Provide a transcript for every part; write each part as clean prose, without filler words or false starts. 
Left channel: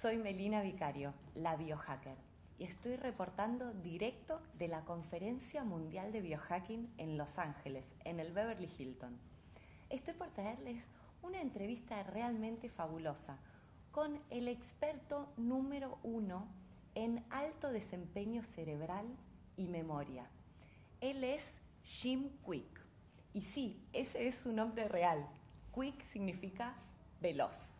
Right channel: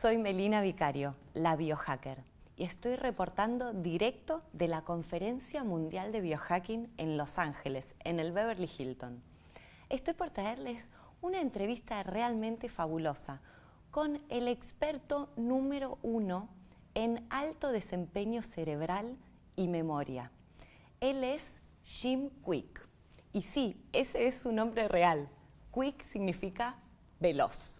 Soy Melina Vicario, la Biohacker, y estoy reportando directo de la Conferencia Mundial de Biohacking en Los Ángeles, en el Beverly Hilton. Estoy por traerles una entrevista realmente fabulosa con el experto número 1 en alto desempeño cerebral y memoria. Él es Jim Kwik. Y sí, ese es su nombre real. Kwik significa veloz.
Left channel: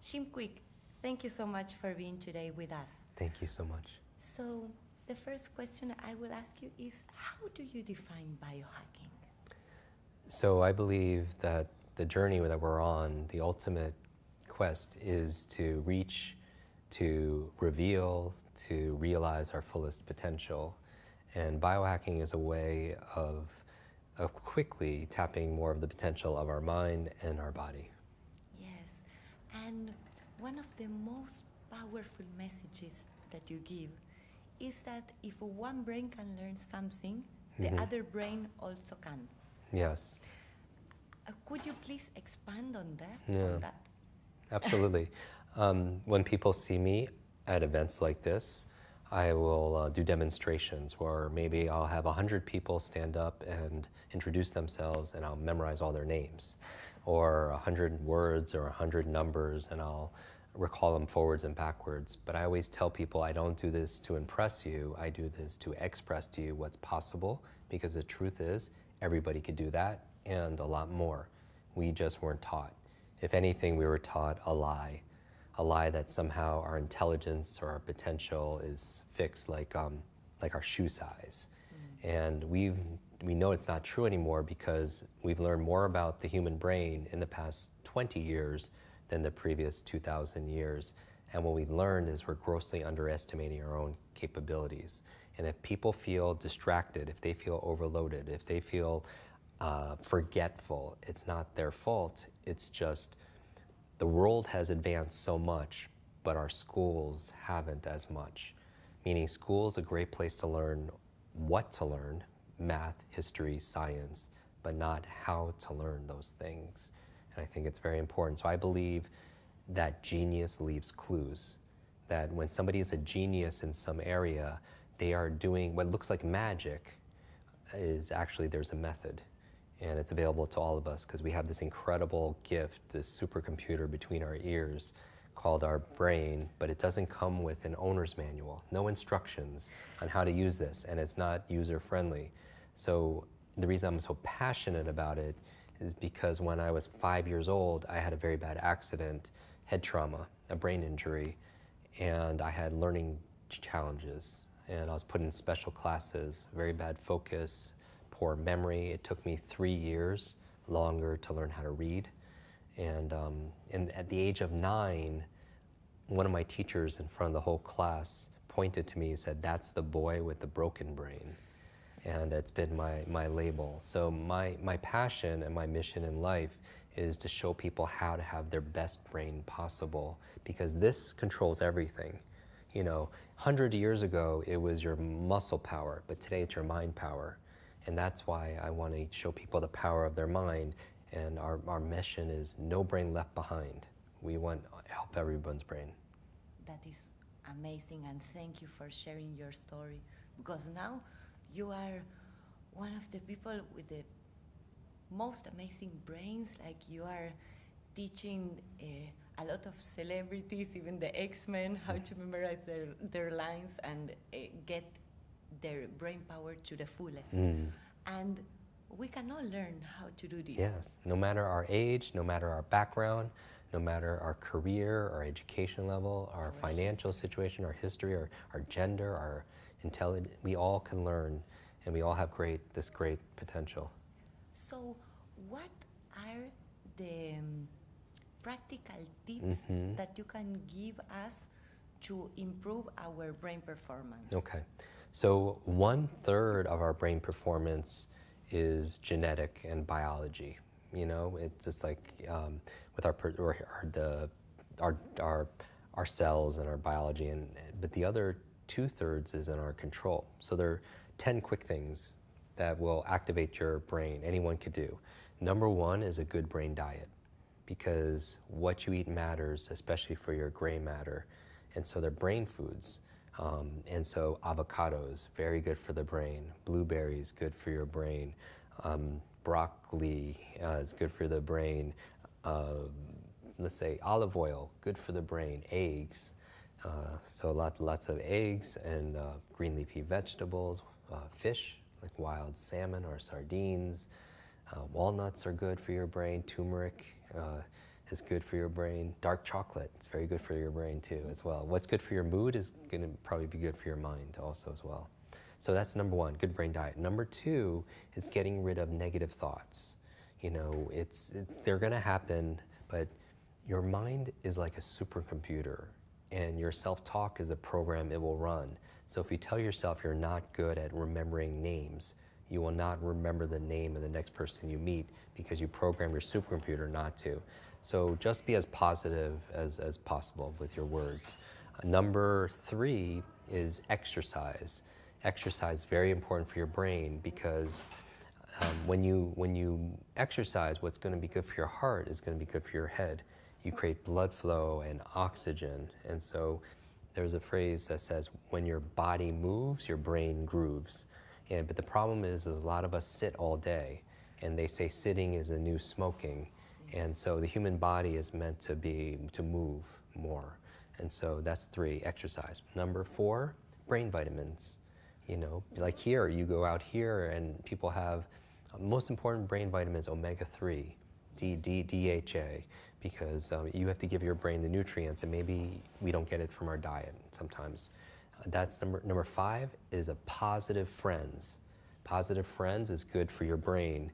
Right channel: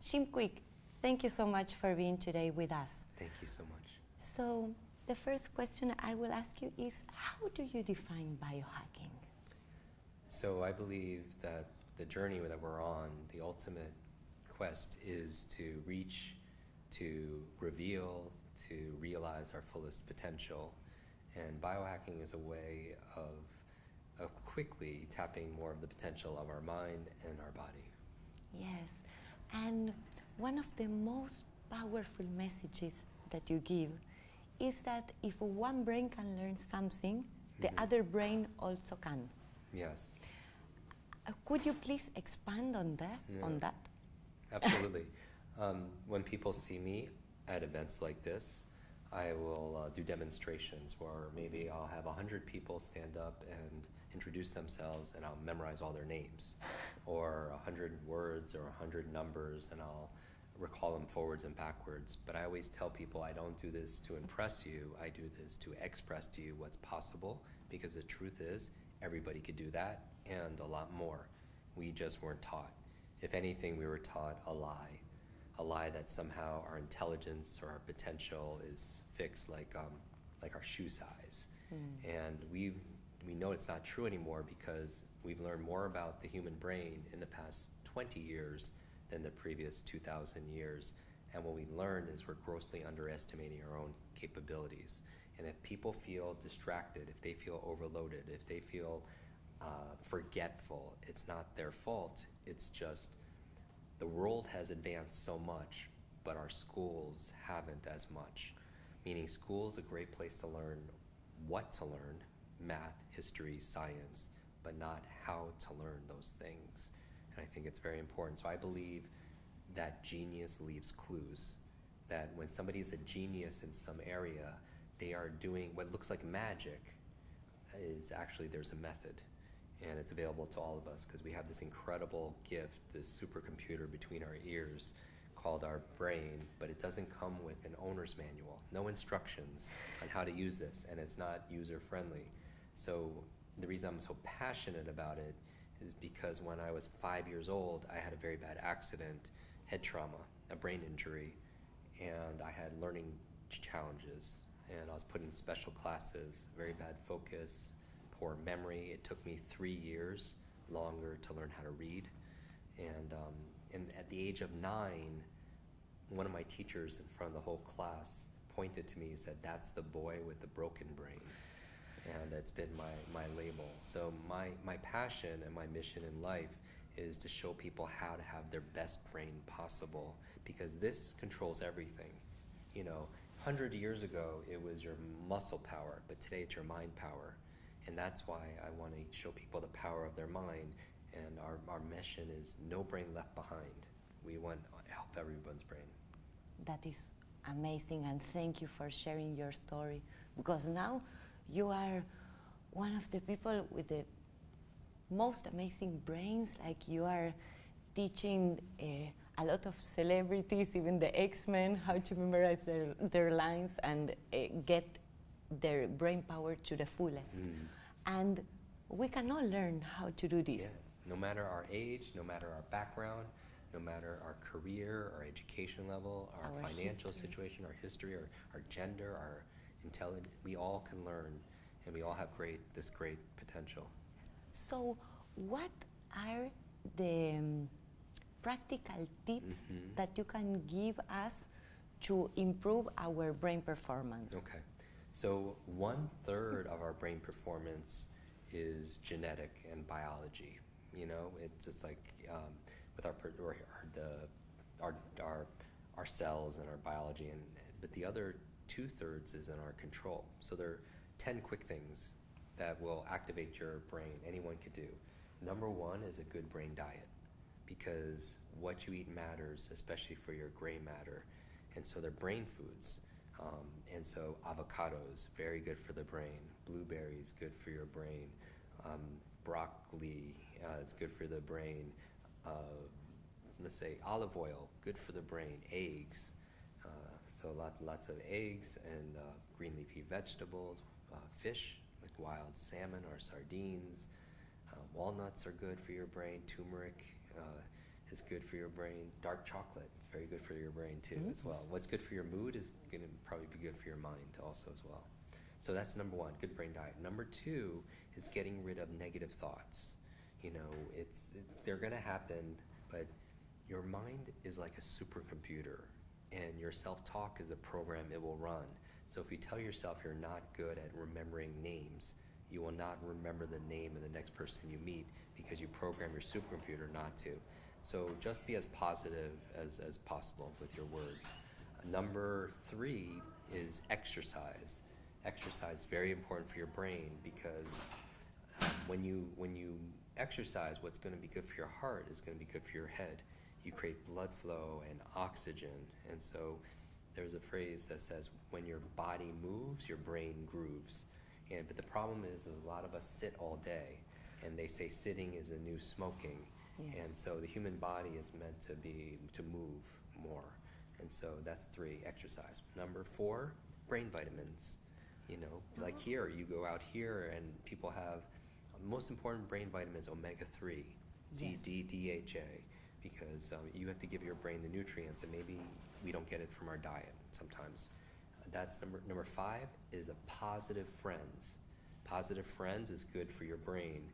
Jim Kwik, thank you so much for being today with us. Thank you so much. So, the first question I will ask you is, how do you define biohacking? So I believe that the journey that we're on, the ultimate quest, is to reach, to reveal, to realize our fullest potential. And biohacking is a way of quickly tapping more of the potential of our mind and our body. Yes, and one of the most powerful messages that you give is that if one brain can learn something, the other brain also can. Yes. Could you please expand on that? Yeah. Absolutely. When people see me at events like this, I will do demonstrations where maybe I'll have 100 people stand up and introduce themselves, and I'll memorize all their names, or 100 words or 100 numbers, and I'll recall them forwards and backwards. But I always tell people I don't do this to impress you, I do this to express to you what's possible, because the truth is everybody could do that and a lot more. We just weren't taught. If anything, we were taught a lie that somehow our intelligence or our potential is fixed like our shoe size. And we know it's not true anymore because we've learned more about the human brain in the past 20 years than the previous 2,000 years. And what we've learned is we're grossly underestimating our own capabilities. And if people feel distracted, if they feel overloaded, if they feel forgetful, it's not their fault. It's just the world has advanced so much, but our schools haven't as much. Meaning school's a great place to learn what to learn, math, history, science, but not how to learn those things. And I think it's very important. So I believe that genius leaves clues. That when somebody is a genius in some area, they are doing what looks like magic is actually there's a method. And it's available to all of us because we have this incredible gift, this supercomputer between our ears called our brain, but it doesn't come with an owner's manual, no instructions on how to use this, and it's not user-friendly. So the reason I'm so passionate about it is because when I was 5 years old, I had a very bad accident, head trauma, a brain injury, and I had learning challenges. And I was put in special classes, very bad focus, poor memory. It took me 3 years longer to learn how to read. And at the age of 9, one of my teachers in front of the whole class pointed to me and said, "That's the boy with the broken brain." And it's been my label. So my passion and my mission in life is to show people how to have their best brain possible, because this controls everything. You know, 100 years ago, it was your muscle power, but today it's your mind power. And that's why I want to show people the power of their mind. And our mission is no brain left behind. We want to help everyone's brain. That is amazing, and thank you for sharing your story, because now you are one of the people with the most amazing brains. Like, you are teaching a lot of celebrities, even the X-Men, how to memorize their lines and get their brain power to the fullest. And we can all learn how to do this. Yes, no matter our age, no matter our background, no matter our career, our education level, our financial situation, our history, our gender, our intelligence, we all can learn, and we all have this great potential. So what are the practical tips that you can give us to improve our brain performance? Okay. So 1/3 of our brain performance is genetic and biology. You know, it's just like with our cells and our biology, but the other 2/3 is in our control. So there are 10 quick things that will activate your brain. Anyone could do. Number 1 is a good brain diet. because what you eat matters, especially for your gray matter. And so they're brain foods. And so avocados, very good for the brain. Blueberries, good for your brain. Broccoli is good for the brain. Let's say olive oil, good for the brain. Eggs, so lots of eggs and green leafy vegetables. Fish, like wild salmon or sardines. Walnuts are good for your brain. Turmeric is good for your brain. Dark chocolate is very good for your brain too, as well. What's good for your mood is going to probably be good for your mind also as well. So that's number one, good brain diet. Number two is getting rid of negative thoughts. You know, they're going to happen, but your mind is like a supercomputer, and your self-talk is a program it will run. So if you tell yourself you're not good at remembering names, you will not remember the name of the next person you meet because you program your supercomputer not to. So just be as positive as possible with your words. Number three is exercise. Exercise is very important for your brain because when you exercise, what's going to be good for your heart is going to be good for your head. You create blood flow and oxygen. And so there's a phrase that says, when your body moves, your brain grooves. But the problem is a lot of us sit all day, and they say sitting is the new smoking. Yes. And so the human body is meant to move more. And so that's three, exercise. Number four, brain vitamins. You know, like here, you go out here and people have, most important brain vitamins, omega-3, yes. DHA, because you have to give your brain the nutrients, and maybe we don't get it from our diet sometimes. That's number five is a positive friends. Positive friends is good for your brain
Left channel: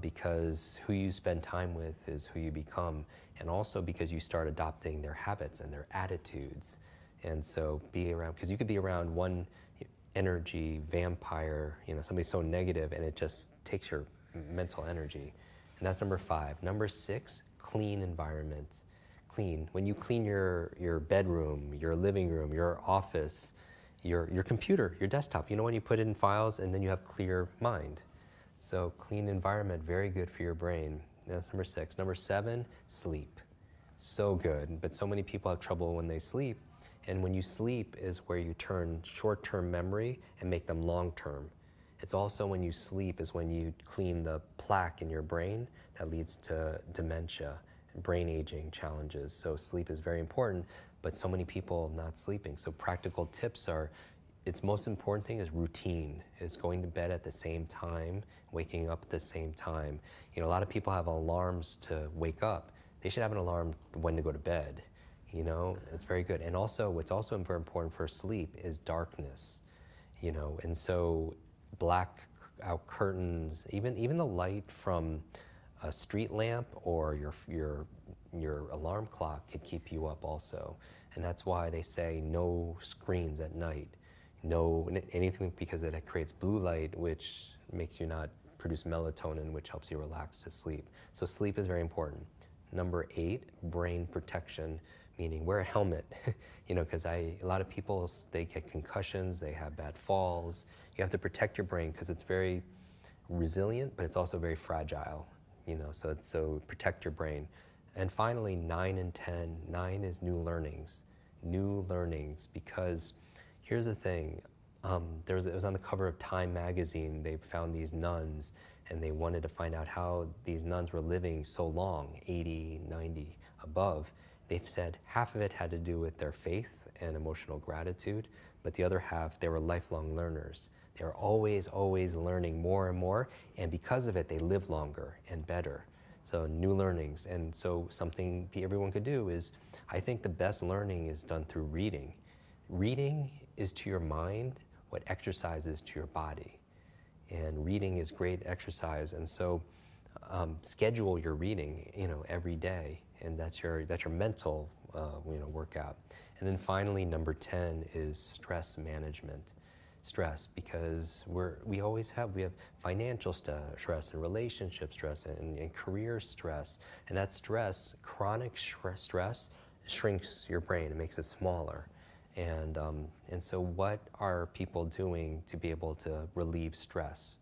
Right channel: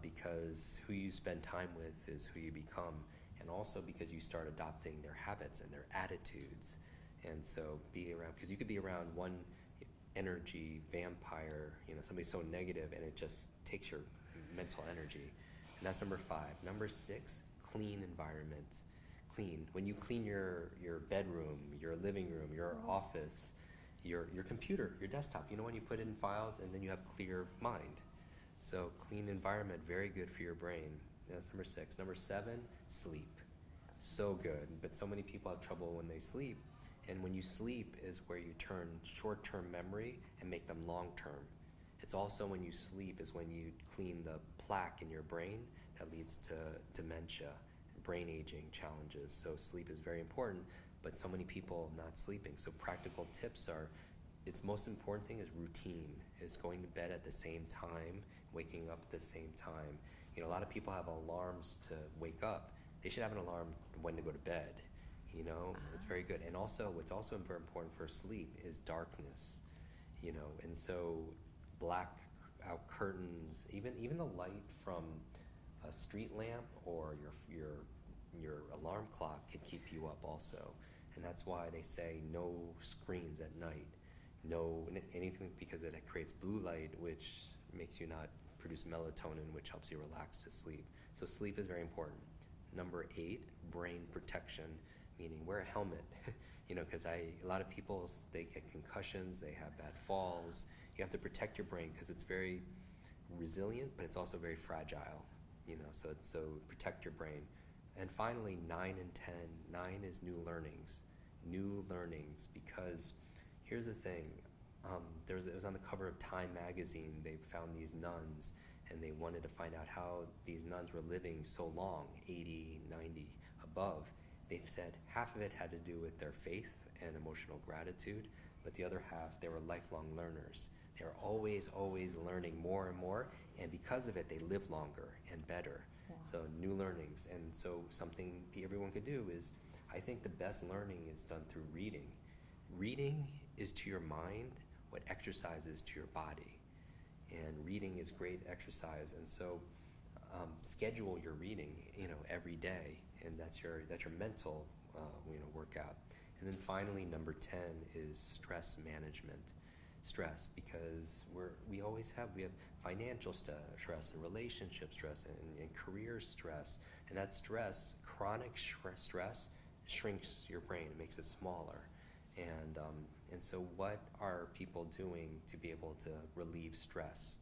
because who you spend time with is who you become, and also because you start adopting their habits and their attitudes. And so be around, because you could be around one energy vampire, you know, somebody so negative, and it just takes your mental energy. And that's number five. Number six, clean environment. Clean. When you clean your bedroom, your living room, your office, your computer, your desktop, you know, when you put it in files and then you have clear mind. So clean environment, very good for your brain. That's number six. Number seven, sleep. So good, but so many people have trouble when they sleep. And when you sleep is where you turn short-term memory and make them long-term. It's also when you sleep is when you clean the plaque in your brain that leads to dementia, brain aging challenges. So sleep is very important, but so many people not sleeping. So practical tips are, its most important thing is routine, is going to bed at the same time, waking up at the same time. You know, a lot of people have alarms to wake up. They should have an alarm when to go to bed. You know, it's very good. And also, what's also very important for sleep is darkness. You know, and so black out curtains, even the light from a street lamp or your alarm clock could keep you up also. And that's why they say no screens at night, no anything, because it creates blue light, which makes you not produce melatonin, which helps you relax to sleep. So sleep is very important. Number 8, brain protection, meaning wear a helmet. You know, because a lot of people, they get concussions, they have bad falls. You have to protect your brain because it's very resilient, but it's also very fragile. You know, so protect your brain. And finally, 9 and 10. 9 is new learnings. New learnings, because here's the thing. It was on the cover of Time magazine. They found these nuns, and they wanted to find out how these nuns were living so long, 80, 90, above. They've said half of it had to do with their faith and emotional gratitude, but the other half, they were lifelong learners. They were always, always learning more and more, and because of it, they live longer and better. So new learnings. And so something everyone could do is, I think the best learning is done through reading. Reading is to your mind what exercise is to your body. And reading is great exercise. And so schedule your reading, you know, every day. And that's your mental, workout. And then finally, number 10 is stress management. Stress, because we have financial stress and relationship stress and career stress. And that stress, chronic stress, shrinks your brain. It makes it smaller. And so what are people doing to be able to relieve stress?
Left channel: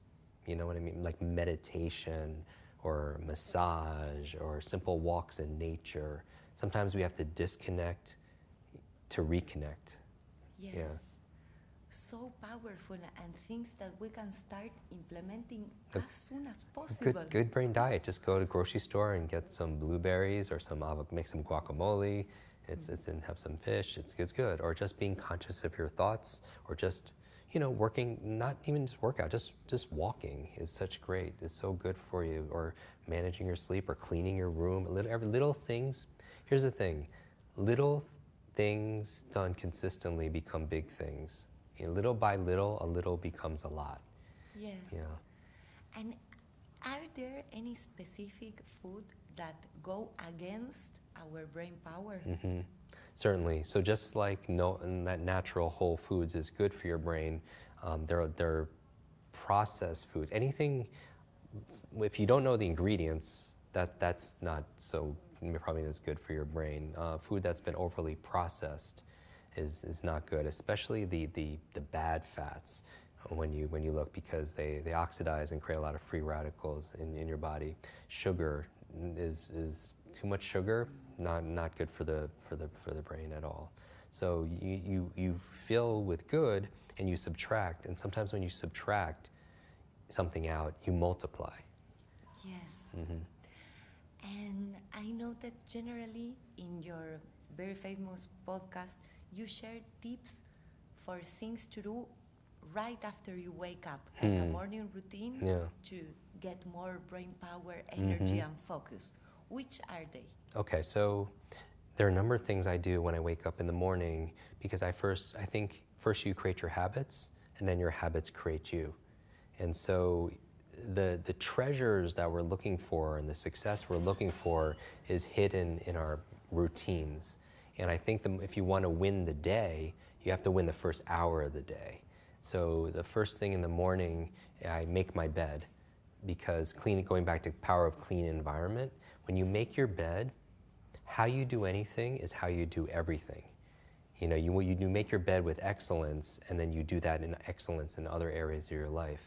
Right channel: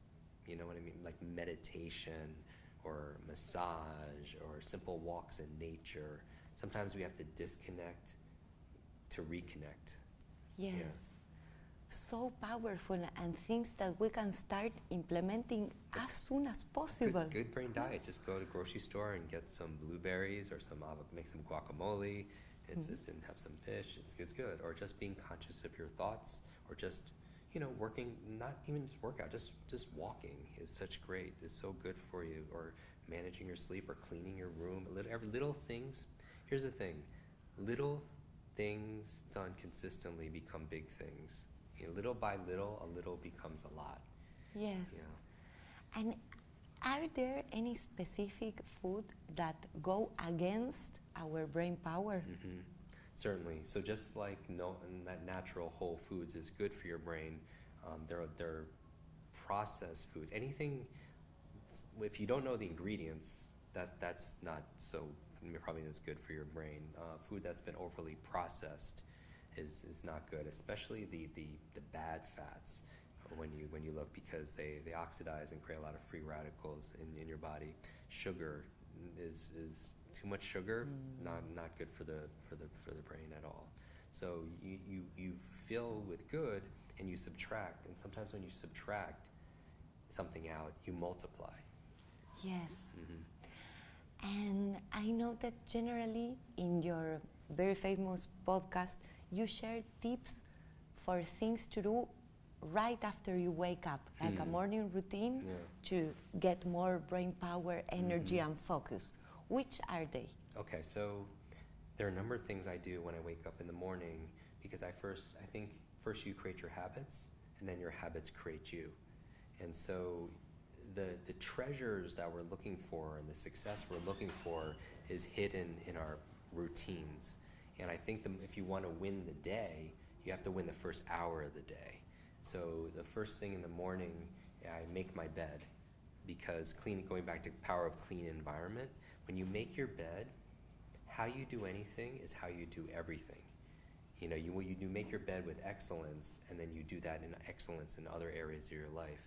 You know what I mean? Like meditation or massage, or simple walks in nature. Sometimes we have to disconnect to reconnect. Yes. Yeah. So powerful, and things that we can start implementing as soon as possible. Good brain diet. Just go to the grocery store and get some blueberries or make some guacamole. And have some fish. It's good. Or just being conscious of your thoughts, or just working. Not even just workout. Just walking is such great. It's so good for you. Or managing your sleep, or cleaning your room. Little things. Here's the thing. Little things done consistently become big things. Little by little, a little becomes a lot. Yes. Yeah. And are there any specific food that go against our brain power? Mm-hmm. Certainly. So just like that natural whole foods is good for your brain, they're processed foods. Anything, if you don't know the ingredients, that's not so probably as good for your brain. Food that's been overly processed is not good, especially the bad fats when you look, because they oxidize and create a lot of free radicals in your body. Sugar is too much sugar, not good for the brain at all. So you fill with good and you subtract, and sometimes when you subtract something out, you multiply. Yes. Mm-hmm. And I know that generally in your very famous podcast, you share tips for things to do right after you wake up, like a morning routine to get more brain power, energy, and focus. Which are they? Okay, so there are a number of things I do when I wake up in the morning, because I think first you create your habits, and then your habits create you. And so the treasures that we're looking for and the success we're looking for is hidden in our routines. And I think if you want to win the day, you have to win the first hour of the day. So the first thing in the morning, I make my bed, because going back to power of clean environment, when you make your bed, how you do anything is how you do everything. You make your bed with excellence, and then you do that in excellence in other areas of your life.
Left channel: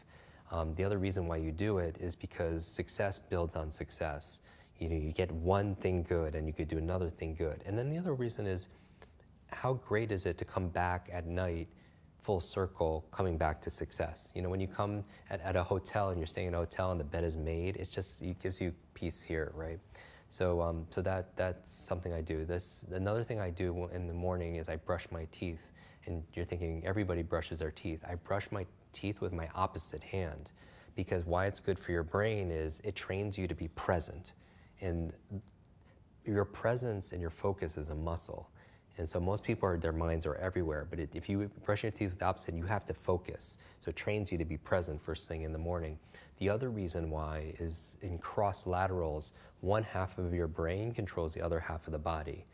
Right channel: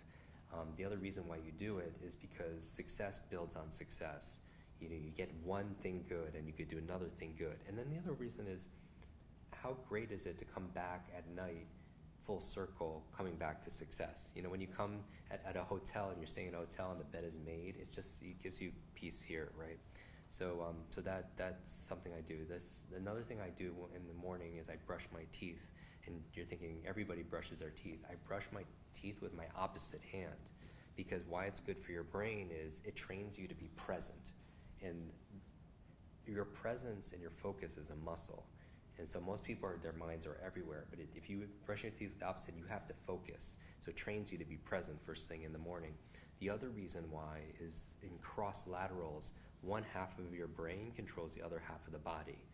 The other reason why you do it is because success builds on success. You get one thing good and you could do another thing good. And then the other reason is, how great is it to come back at night full circle, coming back to success? When you come at a hotel and you're staying in a hotel and the bed is made, it gives you peace here, right? So that's something I do. Another thing I do in the morning is I brush my teeth. And you're thinking everybody brushes their teeth. I brush my teeth with my opposite hand, because why it's good for your brain is it trains you to be present. And your presence and your focus is a muscle. And so most people, their minds are everywhere, but if you brush your teeth with the opposite, you have to focus. So it trains you to be present first thing in the morning. The other reason why is in cross laterals, one half of your brain controls the other half of the body.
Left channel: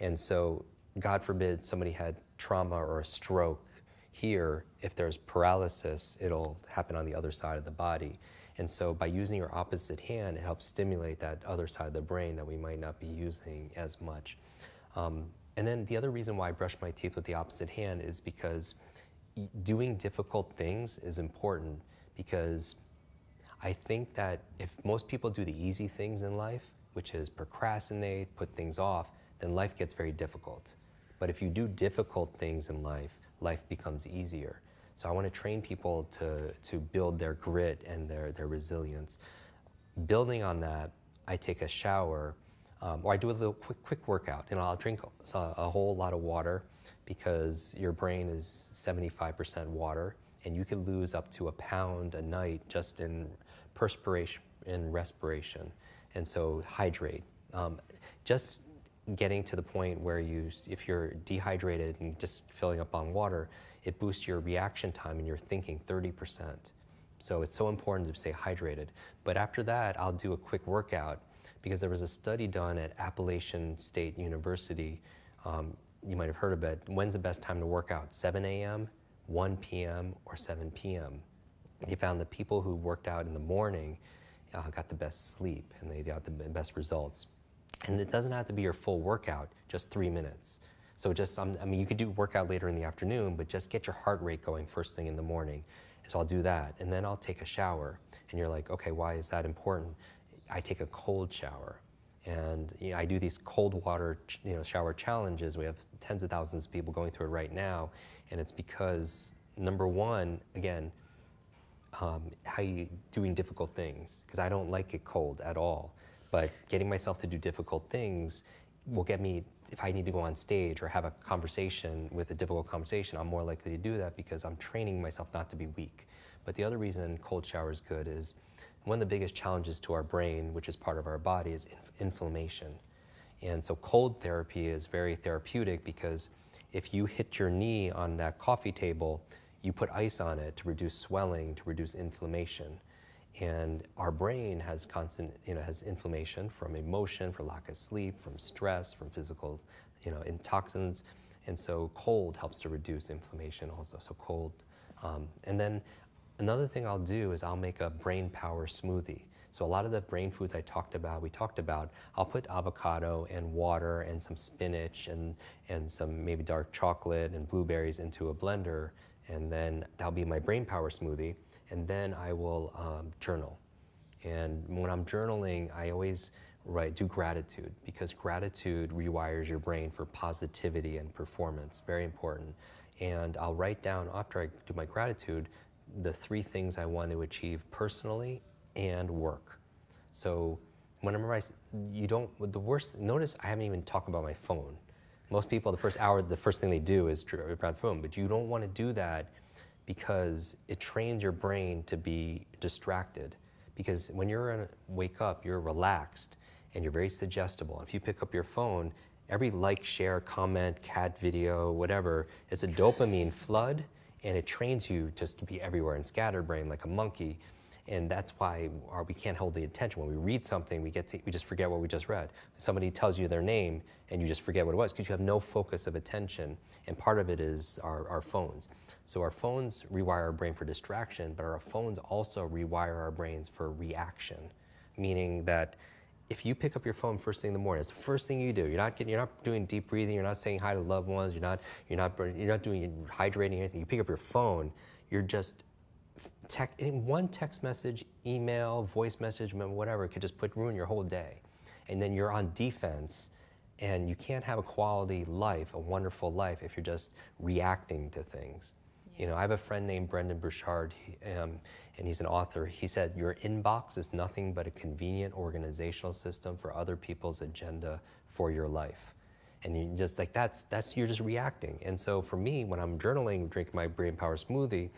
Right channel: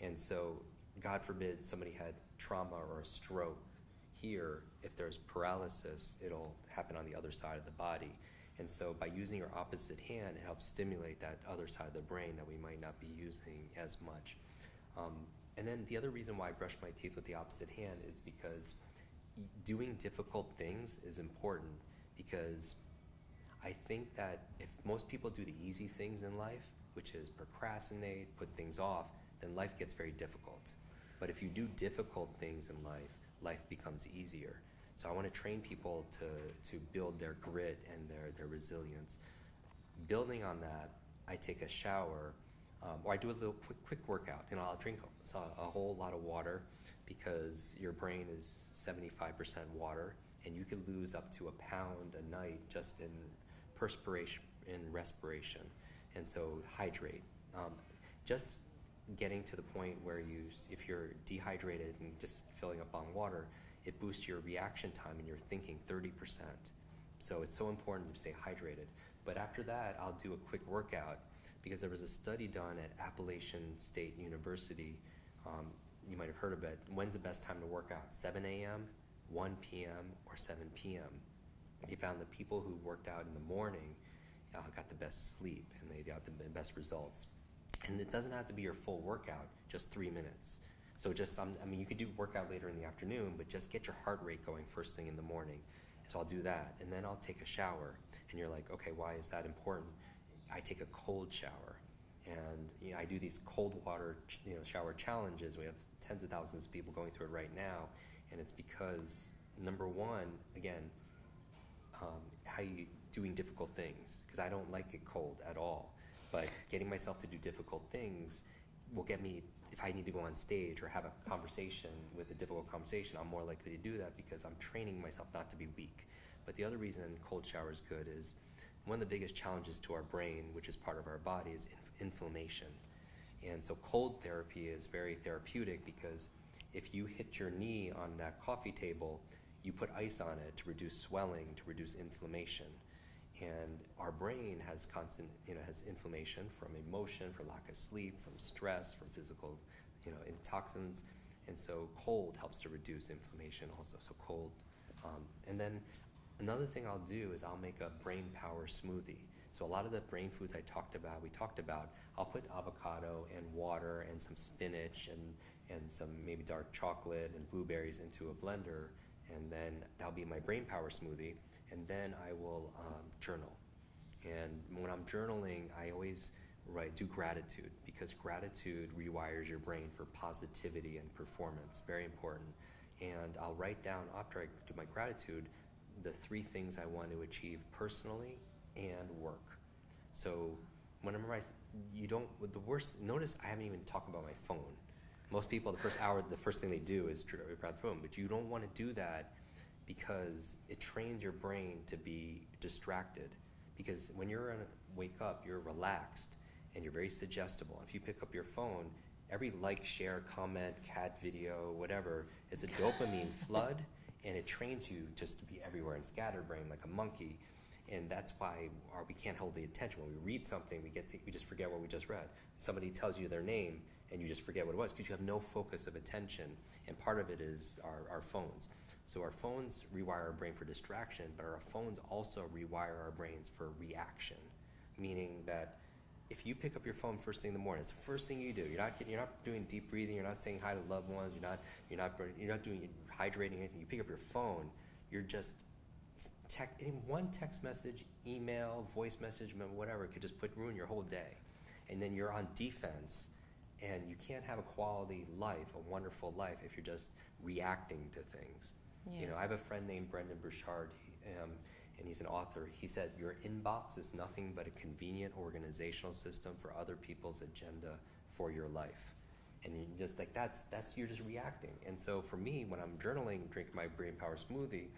And so, God forbid, somebody had trauma or a stroke here, if there's paralysis, it'll happen on the other side of the body. And so by using your opposite hand, it helps stimulate that other side of the brain that we might not be using as much. And then the other reason why I brush my teeth with the opposite hand is because doing difficult things is important, because I think that if most people do the easy things in life, which is procrastinate, put things off, then life gets very difficult. But if you do difficult things in life, life becomes easier. So I want to train people to build their grit and their resilience. Building on that, I take a shower, or I do a little quick workout, and I'll drink a whole lot of water, because your brain is 75% water, and you can lose up to 1 pound a night just in perspiration and respiration. And so hydrate. Just getting to the point where if you're dehydrated and just filling up on water, it boosts your reaction time and your thinking 30%. So it's so important to stay hydrated. But after that, I'll do a quick workout, because there was a study done at Appalachian State University. You might have heard of it. When's the best time to work out? 7 a.m., 1 p.m., or 7 p.m.? They found that people who worked out in the morning got the best sleep, and they got the best results. And it doesn't have to be your full workout, just 3 minutes. So you could do workout later in the afternoon, but just get your heart rate going first thing in the morning. So I'll do that, and then I'll take a shower. And you're like, okay, why is that important? I take a cold shower. And I do these cold water shower challenges. We have tens of thousands of people going through it right now. And it's because, number one, again, how you doing difficult things, because I don't like it cold at all. But getting myself to do difficult things will get me, if I need to go on stage or have a conversation with a difficult conversation, I'm more likely to do that because I'm training myself not to be weak. But the other reason cold shower is good is one of the biggest challenges to our brain, which is part of our body, is inflammation. And so cold therapy is very therapeutic because if you hit your knee on that coffee table, you put ice on it to reduce swelling, to reduce inflammation. And our brain has constant, has inflammation from emotion, from lack of sleep, from stress, from physical, toxins. And so cold helps to reduce inflammation also, so cold. And then another thing I'll do is I'll make a brain power smoothie. So a lot of the brain foods we talked about, I'll put avocado and water and some spinach and some maybe dark chocolate and blueberries into a blender, and then that'll be my brain power smoothie. And then I will journal. And when I'm journaling, I always do gratitude, because gratitude rewires your brain for positivity and performance, very important. And I'll write down, after I do my gratitude, the 3 things I want to achieve personally and work. So whenever notice I haven't even talked about my phone. Most people, the first hour, the first thing they do is grab the phone, but you don't want to do that because it trains your brain to be distracted. Because when you're wake up, you're relaxed and you're very suggestible. If you pick up your phone, every like, share, comment, cat video, whatever, it's a dopamine flood, and it trains you just to be everywhere and scatterbrain like a monkey. And that's why we can't hold the attention. When we read something, we just forget what we just read. Somebody tells you their name and you just forget what it was because you have no focus of attention. And part of it is our phones. So our phones rewire our brain for distraction, but our phones also rewire our brains for reaction. Meaning that if you pick up your phone first thing in the morning, it's the first thing you do. You're not doing deep breathing. You're not saying hi to loved ones. You're not doing hydrating or anything. You pick up your phone. You're just one text message, email, voice message, whatever, could just ruin your whole day. And then you're on defense, and you can't have a quality life, a wonderful life, if you're just reacting to things. Yes. I have a friend named Brendan Burchard, and he's an author. He said, your inbox is nothing but a convenient organizational system for other people's agenda for your life. And you just you're just reacting. And so for me, when I'm journaling, drinking my brain power smoothie,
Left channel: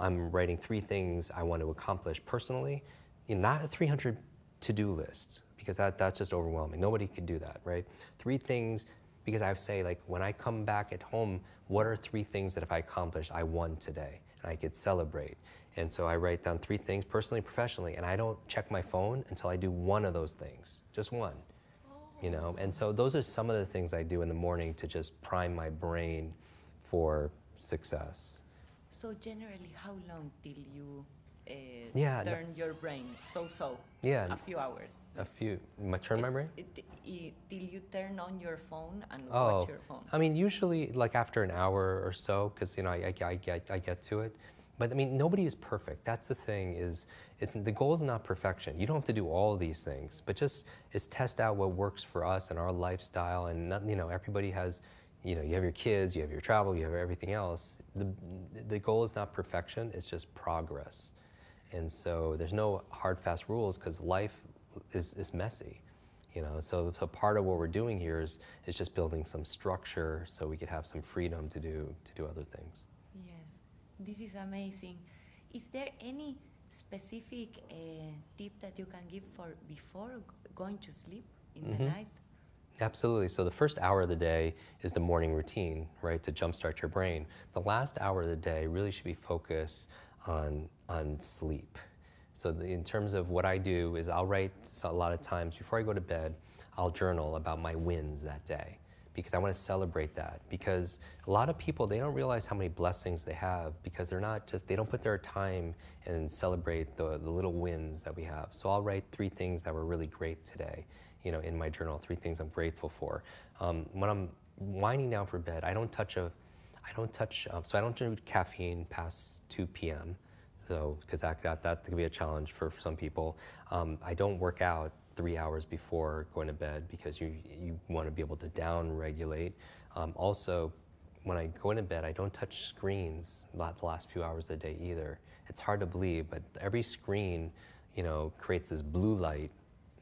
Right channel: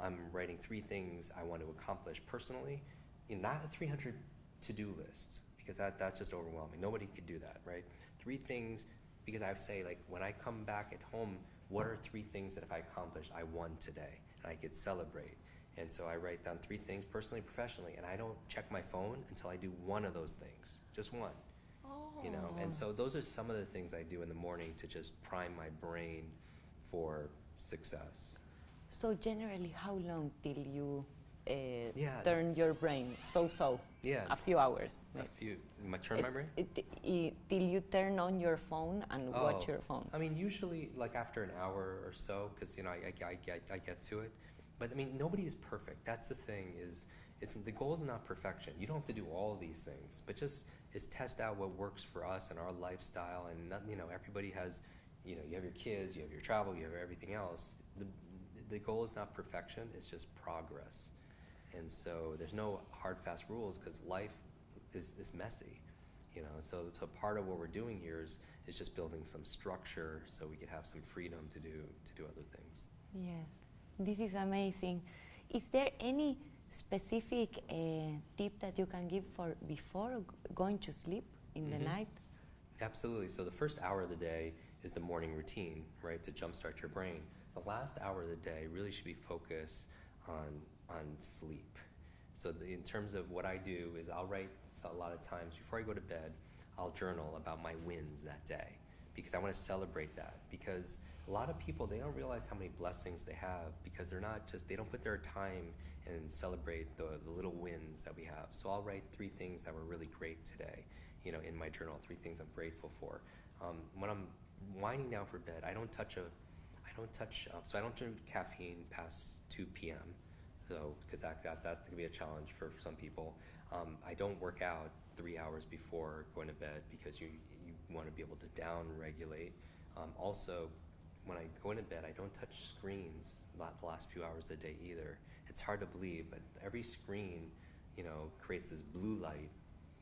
I'm writing 3 things I want to accomplish personally, not a 300 to-do list, because that's just overwhelming. Nobody can do that, right? 3 things, because I say, when I come back at home, what are 3 things that if I accomplish, I won today, and I could celebrate. And so I write down 3 things, personally, professionally, and I don't check my phone until I do one of those things, just one. And so those are some of the things I do in the morning to just prime my brain for success. So generally, how long till you turn your brain? Yeah, a few hours. Turn my brain? Till you turn on your phone and watch your phone. I mean, usually after an hour or so, because I get to it. But I mean, nobody is perfect. That's the thing. The goal is not perfection. You don't have to do all these things, but just test out what works for us and our lifestyle. And everybody has, you have your kids, you have your travel, you have everything else. The goal is not perfection, it's just progress. And so there's no hard, fast rules because life is messy. So part of what we're doing here is just building some structure so we could have some freedom to do other things. Yes, this is amazing. Is there any specific tip that you can give for before going to sleep in the night? Absolutely. So the first hour of the day is the morning routine, right, to jumpstart your brain. The last hour of the day really should be focused on sleep. So in terms of what I do is I'll write a lot of times before I go to bed, I'll journal about my wins that day because I want to celebrate that. Because a lot of people, they don't realize how many blessings they have because they don't put their time and celebrate the little wins that we have. So I'll write 3 things that were really great today. In my journal, 3 things I'm grateful for. When I'm winding down for bed, I don't do caffeine past 2 p.m. So, because that could be a challenge for some people. I don't work out 3 hours before going to bed because you want to be able to down-regulate. Also, when I go into bed, I don't touch screens the last few hours of the day either. It's hard to believe, but every screen, creates this blue light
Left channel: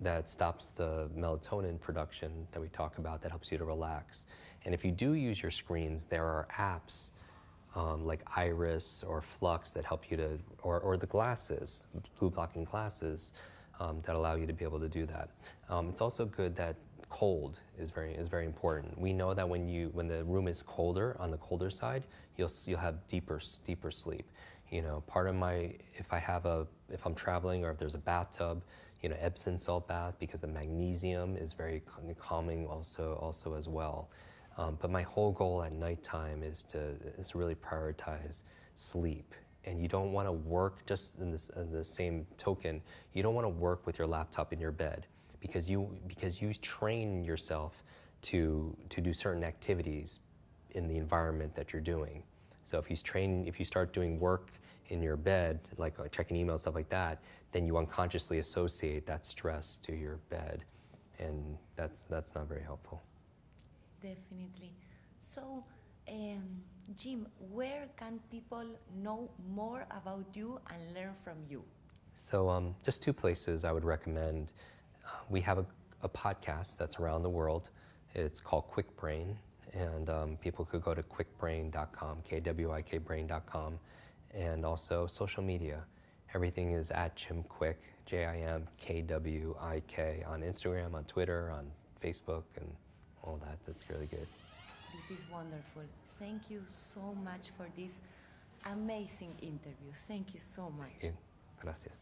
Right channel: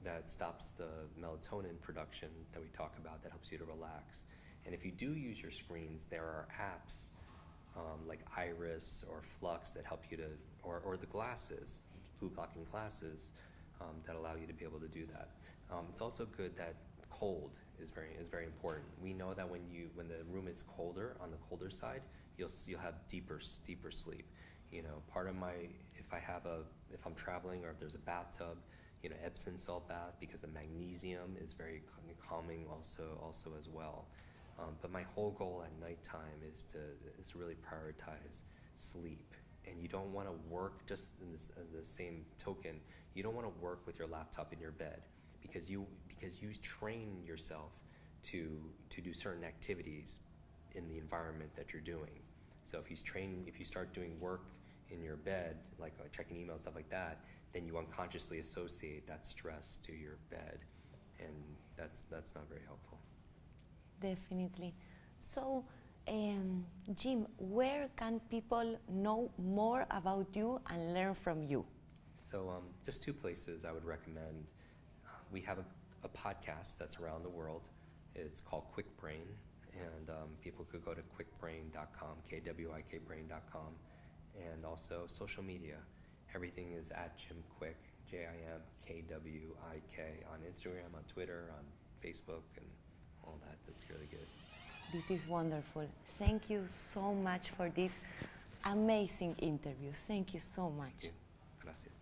that stops the melatonin production that we talk about that helps you to relax. And if you do use your screens, there are apps like Iris or Flux that help you to, or the glasses, blue blocking glasses that allow you to be able to do that. It's also good that cold is very important. We know that when the room is colder, on the colder side, you'll have deeper sleep. Part of if I'm traveling or if there's a bathtub, Epsom salt bath, because the magnesium is very calming also as well. But my whole goal at nighttime is to really prioritize sleep. And you don't want to work, just in the same token, you don't want to work with your laptop in your bed because you train yourself to do certain activities in the environment that you're doing. So if you start doing work in your bed, like checking emails, stuff like that, then you unconsciously associate that stress to your bed, and that's not very helpful. Definitely. So, Jim, where can people know more about you and learn from you? So just 2 places I would recommend. We have a podcast that's around the world. It's called Kwik Brain, and people could go to kwikbrain.com, kwikbrain.com, and also social media. Everything is at Jim Kwik, JimKwik, on Instagram, on Twitter, on Facebook, and all that. That's really good. This is wonderful. Thank you so much for this amazing interview. Thank you so much. Gracias.